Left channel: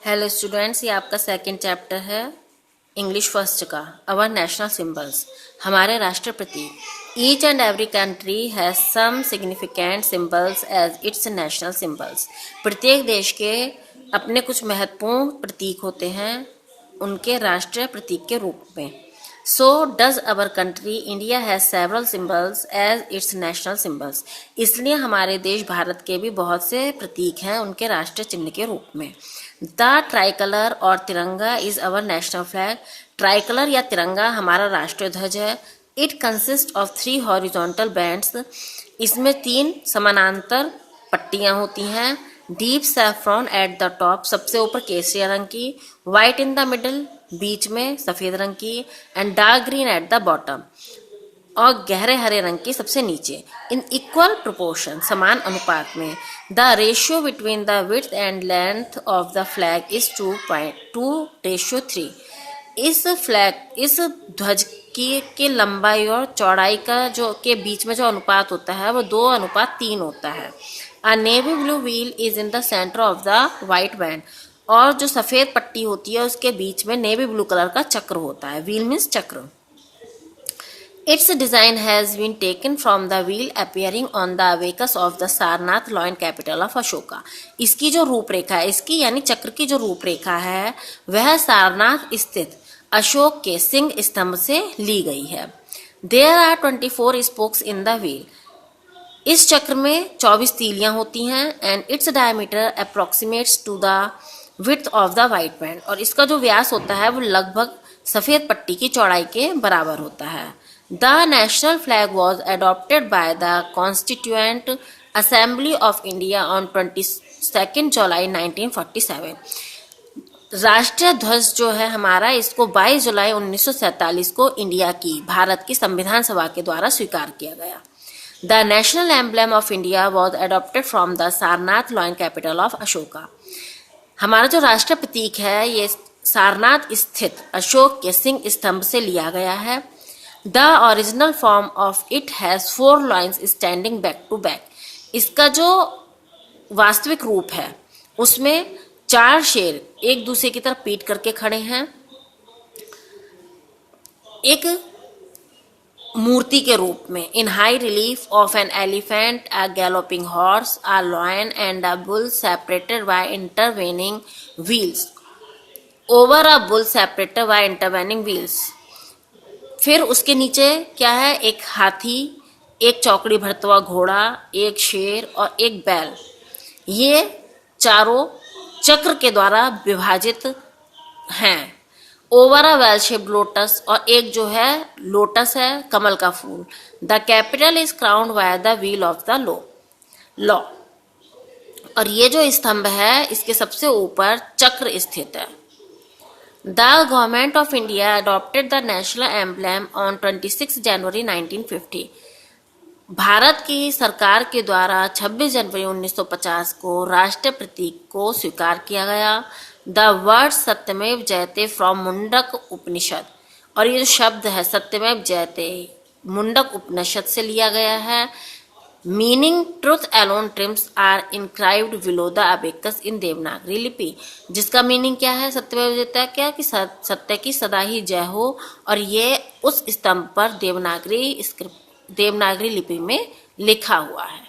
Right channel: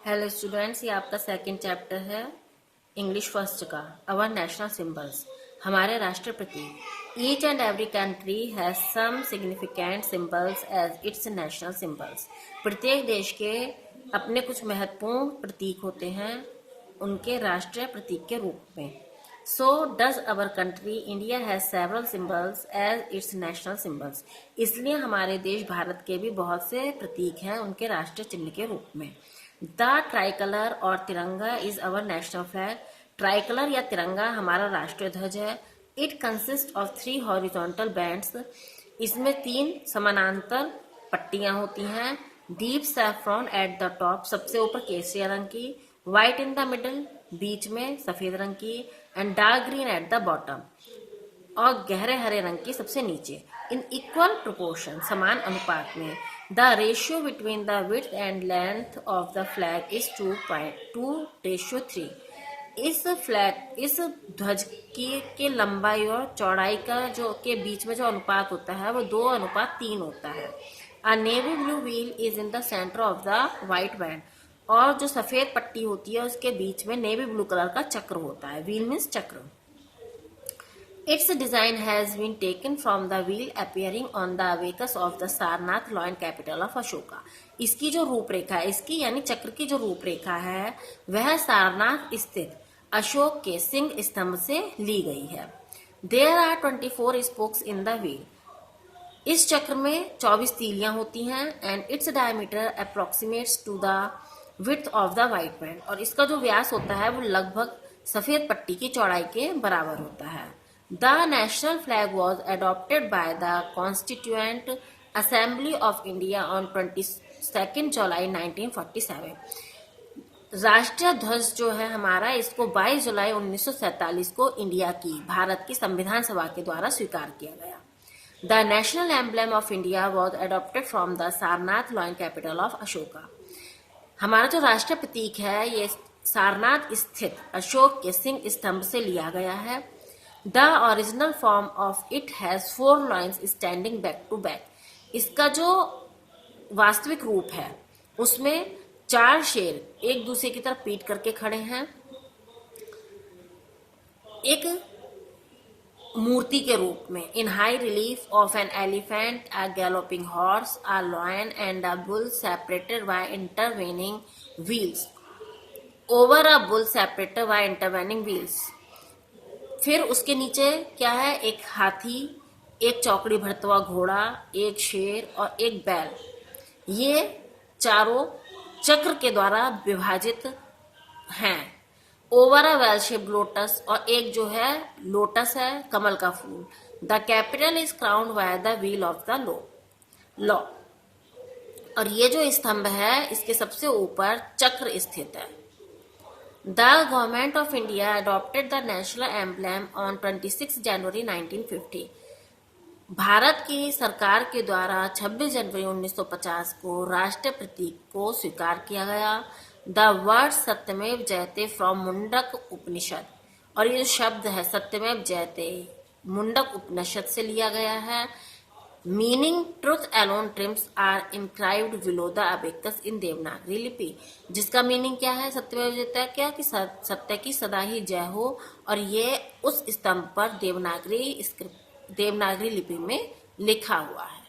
Hello students, ये आपका second chapter है इंग्लिश फर्स्ट का। अवर नेशनल सिंबल्स, हमारे राष्ट्र प्रतीक। Each and every country has some significant symbols as its national symbols. प्रत्येक देश के अपने कुछ महत्वपूर्ण प्रतीक होते हैं उनके राष्ट्रीय प्रतीक के रूप में। So does our country India has several symbols as its national symbols। इसलिए हमारे देश भारत के भी बहुत से प्रतीक हैं उनके राष्ट्रीय चिन्ह के रूप में। द ट्राइकलर और तिरंगा is our national flag. Tricolour या तिरंगा हमारा राष्ट्रीय ध्वज है। It consist of 3 horizontal bands. इसमें 3 समानांतर पट्टियां होती हैं। Deep saffron at the top, सबसे ऊपर केसरिया रंग की। वाइट इन द मिडल, बीच में सफेद रंग की। And dark green at the bottom, और गहरे हरे रंग की सबसे नीचे। इन इक्वल प्रोपोर्शन, समान अनुपात में। The ratio between the width and length of the flag is 2:3। इस ध्वज की लंबाई और चौड़ाई का जो के बीच में जो अनुपात होता है वो 2:3 होता है। अ navy blue wheel is in the centre of the white band, और जो सफेद पट्टी होती है उसके बीच में नेवी ब्लू कलर का चक्र होता है। व्हील मीन्स चक्र। Its design has been taken from the wheel appearing on the abacus of the Sarnath loin capital of Ashoka। इसकी जो रूपरेखा है, इसकी यानी चक्र की जो रूपरेखा है वह सारनाथ स्थित अशोक के सिंह स्तंभ से ली गई है। There are 24 spokes in the wheel। इस चक्र में 24 तीलियां होती हैं। And its diameter approximates to the width of the white band, और इसका जो व्यास होता है वो लगभग सफेद पट्टी की चौड़ाई के बराबर होता है। The national flag was adopted by the constituent assembly of India on 22 जुलाई 1947। राष्ट्रीय ध्वज जो है हमारा, इसको 22 जुलाई 1947 को इंडिया की, भारत की संविधान सभा के द्वारा स्वीकार किया गया। The national emblem of India was adopted from the Sarnath lion capital of Ashoka. हमारा जो राष्ट्रीय प्रतीक है ये सारनाथ स्थित अशोक के सिंह स्तंभ से लिया गया है। The original form of it has 4 lions standing back to back. इसका जो वास्तविक रूप है उसमें 4 शेर एक दूसरे की तरफ पीट करके खड़े हैं, एक मूर्ति के रूप में। इन high relief of an elephant, a galloping horse, a lion and a bull separated by intervening wheels. Over a bull separated by intervening wheels. फिर उसके नीचे क्या है, एक हाथी, एक चौकड़ी भरता हुआ घोड़ा, एक शेर और एक बैल। ये चारों चक्र के द्वारा विभाजित हैं। Over a well shaped lotus, और एक जो है लोटस है, कमल का फूल। The capital is crowned by the wheel of the law. और ये जो स्तंभ है इसके सबसे ऊपर चक्र स्थित है। The government of India adopted the national emblem on 26 जनवरी 1950। भारत की सरकार के द्वारा 26 जनवरी 1950 को राष्ट्रीय प्रतीक को स्वीकार किया गया। द वर्ड सत्यमेव जयते फ्रॉम मुंडक उपनिषद, और ये जो शब्द है सत्यमेव जयते मुंडक उपनिषद से लिया गया है। Meaning truth alone triumphs are inscribed below the abacus in Devanagari लिपि। जिसका मीनिंग क्या है, सत्यमेव जयते क्या कि सत्य की सदा ही जय हो, और ये उस स्तंभ पर देवनागरी लिपि में लिखा हुआ है।